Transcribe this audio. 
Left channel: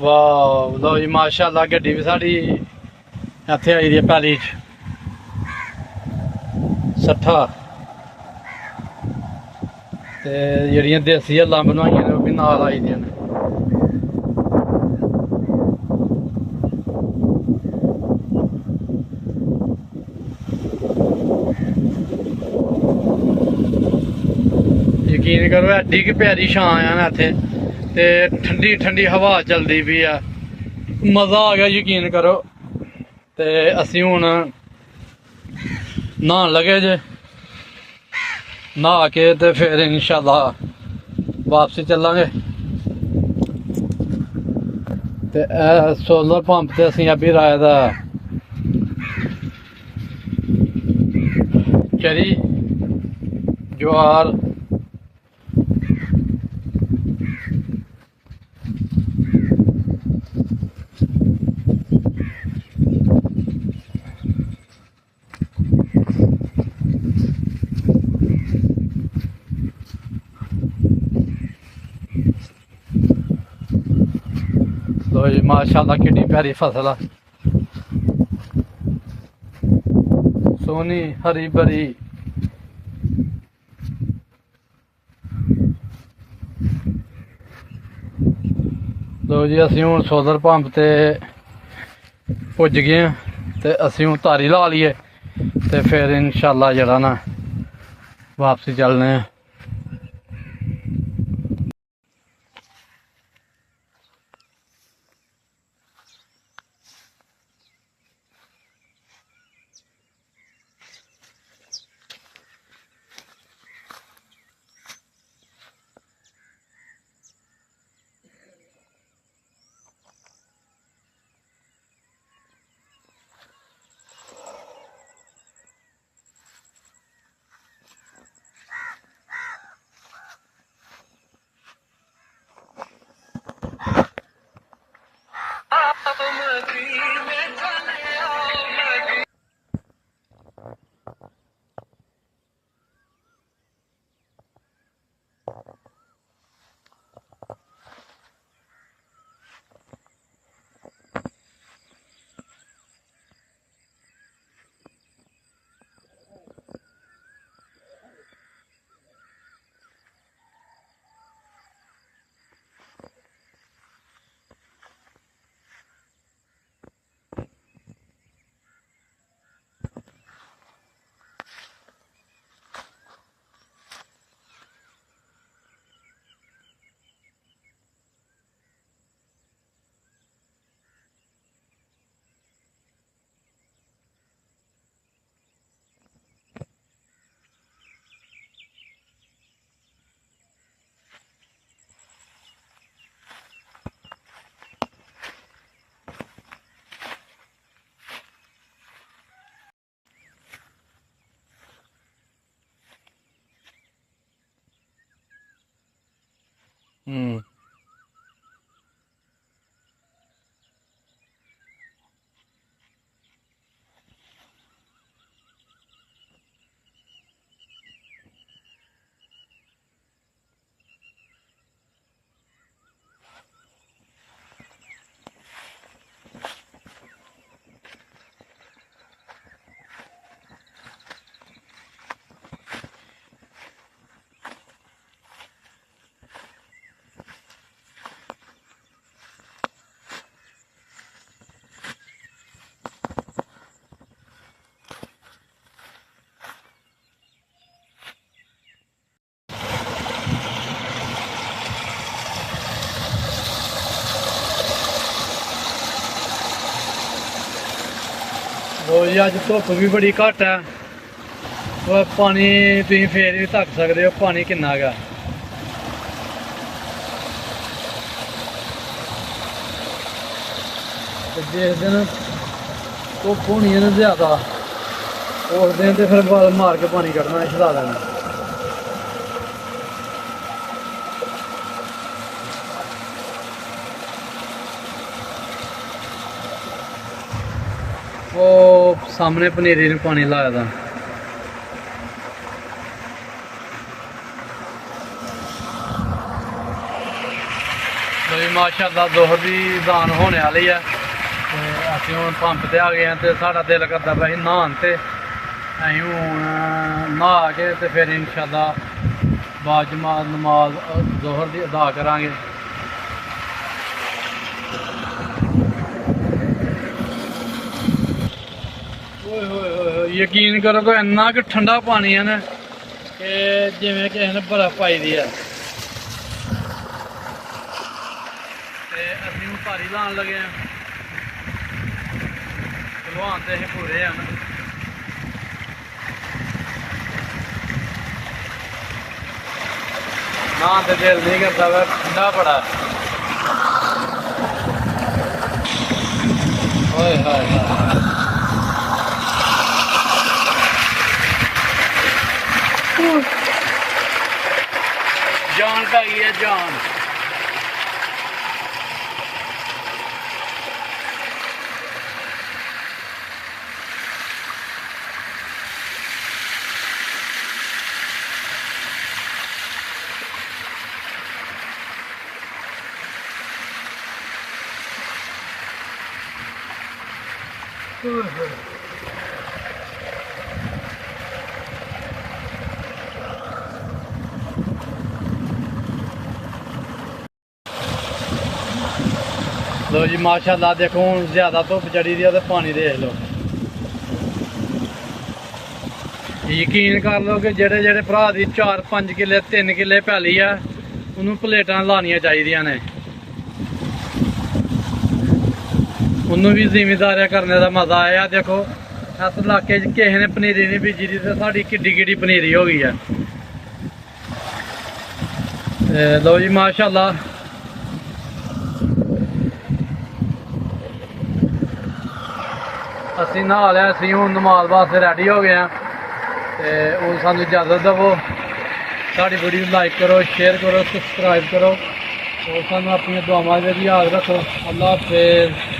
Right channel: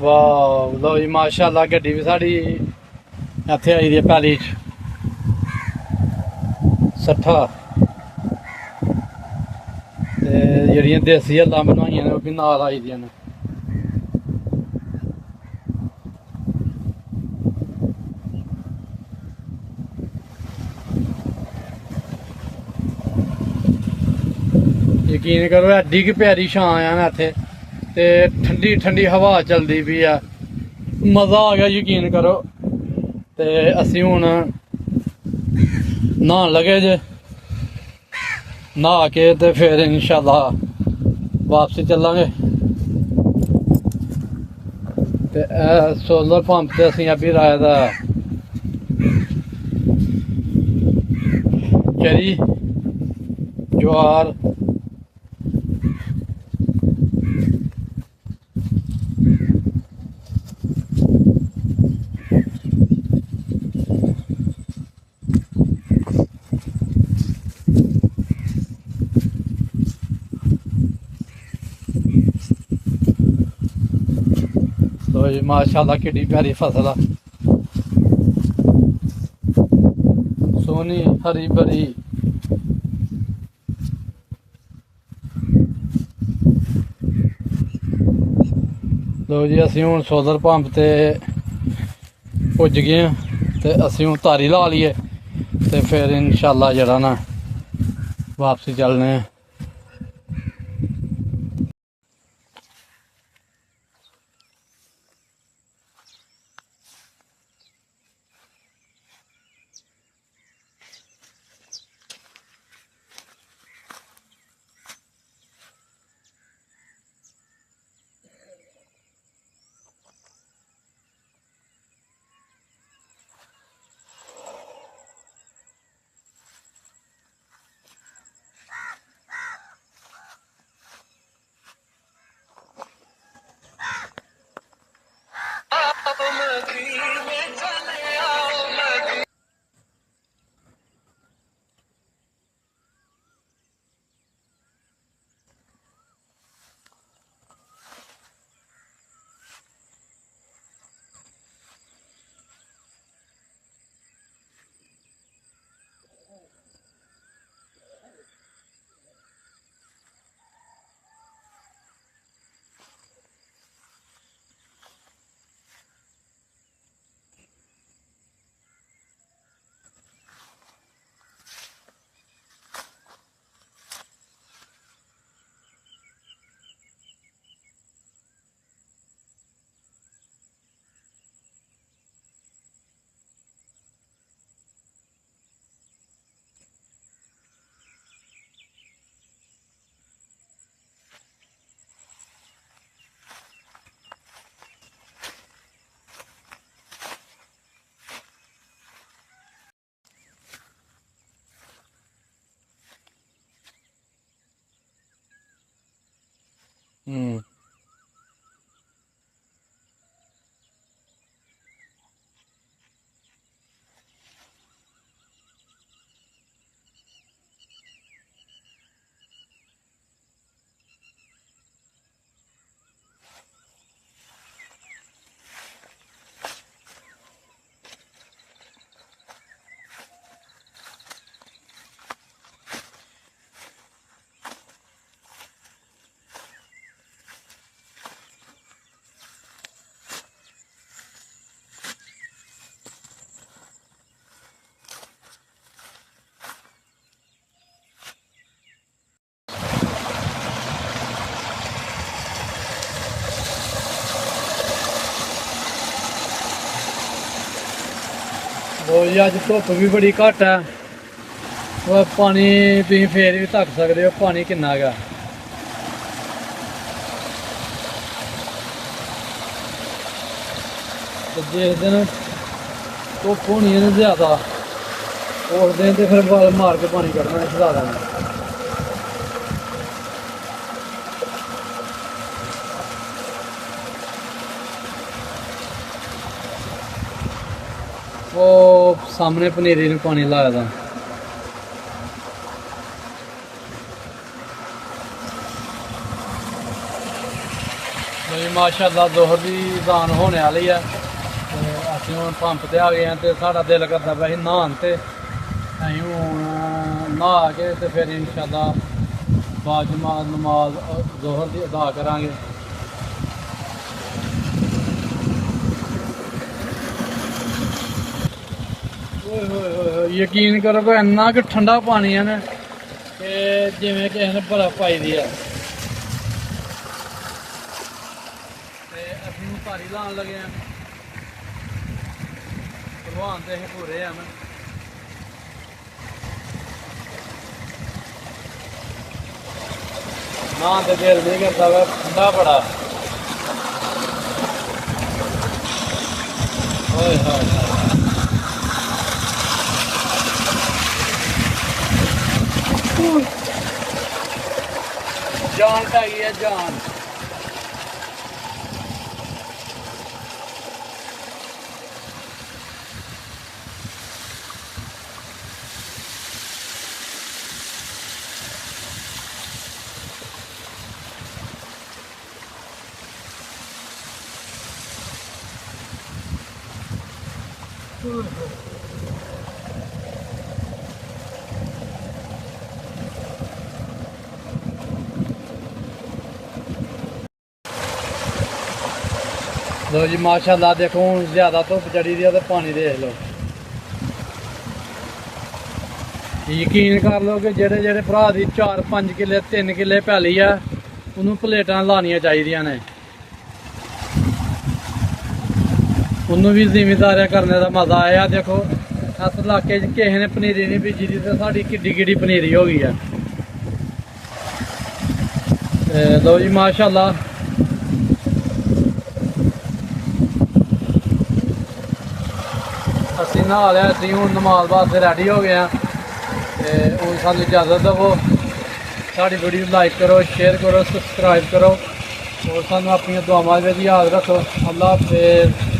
ਵਾਹ ਲੋ ਜੀ ਮਾਸ਼ਾਅੱਲਾ ਗੱਡੀ ਵੀ ਸਾਡੀ ਇੱਥੇ ਆਈ ਦੀ ਹੈ ਪੈਲੀ 'ਚ 60 ਤੇ ਜਿਹੜੀਆਂ ਦੇਸੀ ਹੱਲਾਂ ਬਣਵਾਈਆਂ ਨੇ ਉਹ ਵੀ ਨਾਲ ਆਈ ਦੀਆਂ ਨੇ। ਯਕੀਨ ਕਰੋ ਐਡੀ ਕਿ ਪਿਆਰੀ ਛਾਂ ਆ ਨਾ ਇੱਥੇ ਤੇ ਠੰਡੀ ਠੰਡੀ ਹਵਾ ਚੱਲਦੀ ਪਈ ਆ, ਮਜ਼ਾ ਆ ਗਿਆ ਯਕੀਨ ਕਰੋ। ਤੇ ਅਸੀਂ ਹੁਣ ਨਹਾਉਣ ਲੱਗੇ ਜੇ, ਨਹਾ ਕੇ ਤੇ ਫਿਰ ਇਨਸ਼ਾਅੱਲਾ ਵਾਪਸੀ ਚੱਲਾਂਗੇ। ਤੇ ਇਹ ਸੋਲਰ ਪੰਪ ਤੇ ਅਸੀਂ ਅਭੀ ਰਾਏ ਦਾ ਚਰੀ ਜਵਾਰ ਲੋ ਜੀ ਮਾਸ਼ਾਅੱਲਾ ਕਿੰਨੀ ਪਿਆਰੀ ਫਸਲ ਆ, ਸੋਹਣੀ ਹਰੀ ਭਰੀ। ਲੋ ਜੀ ਅਸੀਂ ਹੁਣ ਸੋਲਰ ਪੰਪ ਤੇ ਪੁੱਜ ਗਏ ਹਾਂ ਤੇ ਅਸੀਂ ਹੁਣ ਤਾਰੀ ਲਾ ਲਈਏ ਤੇ ਫਿਰ ਇਨਸ਼ਾਅੱਲਾ ਜਿਹੜਾ ਨਾ ਵਾਪਸੀ ਚੱਲਨੇ ਆ। ਲੋ ਜੀ ਅੱਜ ਧੁੱਪ ਵੀ ਬੜੀ ਘੱਟ ਹੈ, ਉਹ ਪਾਣੀ ਤੁਸੀਂ ਫੇਰ ਵੀ ਧੱਕ ਸਕਦੇ ਹੋ, ਪਾਣੀ ਕਿੰਨਾ ਹੈਗਾ। ਜਿਸ ਦਿਨ ਧੁੱਪ ਹੋਣੀ ਹੈ ਨਾ ਜ਼ਿਆਦਾ, ਉਸ ਦਿਨ ਤੇ ਫਿਰ ਬਲ ਮਾਰ ਕੇ ਪਾਣੀ ਕੱਢਣਾ, ਛਡਾ ਦੇਣਾ। ਉਹ ਸਾਹਮਣੇ ਪਨੀਰੀ ਨੂੰ ਪਾਣੀ ਲਾਇਆ ਦਾ। ਮਾਸ਼ਾਅੱਲਾ ਦੋਹਰ ਦੀ ਦਾਨ ਹੋਣੇ ਵਾਲੀ ਹੈ ਤੇ ਅਸੀਂ ਹੁਣ ਪੰਪ ਤੇ ਆ ਗਏ ਹਾਂ ਤੇ ਸਾਡਾ ਦਿਲ ਕਰਦਾ ਪਿਆ ਸੀ ਨਹਾਉਣ ਤੇ ਅਸੀਂ ਹੁਣ ਨਹਾ ਕੇ ਤੇ ਫਿਰ ਇਨਸ਼ਾਅੱਲਾ ਬਾਜਮਾਤ ਨਮਾਜ਼ ਦੋਹਰ ਦੀ ਅਦਾ ਕਰਾਂਗੇ। ਓਏ ਹੋਏ ਹੋਏ ਯਕੀਨ ਕਰੋ ਕਿ ਇੰਨਾ ਕਿ ਠੰਡਾ ਪਾਣੀ ਹੈ ਨਾ ਕਿ ਜਿਵੇਂ ਕਿਸੇ ਨੇ ਬਰਫ਼ ਪਾਈ ਦੀ ਆ। ਤੇ ਅਸੀਂ ਹੁਣ ਧਾਰੀ ਲਾਉਣ ਲੱਗੇ ਹਾਂ। ਭਲਵਾਨ ਤੇ ਅਸੀਂ ਪੂਰੇ ਹਨ। ਨਾ ਤੇ ਦਿਲ ਨਹੀਂ ਕਰਦਾ ਵਾ ਠੰਡਾ ਬੜਾ। ਓਏ ਹੋਏ ਜਾਨ ਪੈ ਗਈ ਹੈ ਜਾਨ। लो जी माशाल्लाह देखो हूँ ज्यादा धुप चढ़ी दी है पानी देख लो। यकीन कर लो कि जेड़े जेड़े भरा दी 4-5 किले 3 किले पैली है उन्होंने प्लेटां लानियां चाहिए ने। उन्होंने भी जिमीदार करने का मजा आया। देखो इस इलाके किसी ने पनीरी नहीं बीजी दी तो साड़ी किड्डी किड्डी पनीरी हो गई है। लो जी माशाल्लाह ਅਸੀਂ ਨਹਾ ਲਿਆ। ਅਸੀਂ ਹੁਣ ਨਮਾਜ਼ ਵਾਸਤੇ ਰੈਡੀ ਹੋ ਗਏ ਹਾਂ ਤੇ ਹੁਣ ਸਾਨੂੰ ਇਜਾਜ਼ਤ ਦੇਵੋ। ਸਾਡੀ ਵੀਡੀਓ ਲਾਈਕ ਕਰੋ, ਸ਼ੇਅਰ ਕਰੋ, ਸਬਸਕ੍ਰਾਈਬ ਕਰੋ ਔਰ ਸਾਨੂੰ ਆਪਣੀਆਂ ਦੁਆਵਾਂ ਵਿੱਚ ਯਾਦ ਰੱਖੋ। ਅੱਲਾ ਹਾਫਿਜ਼।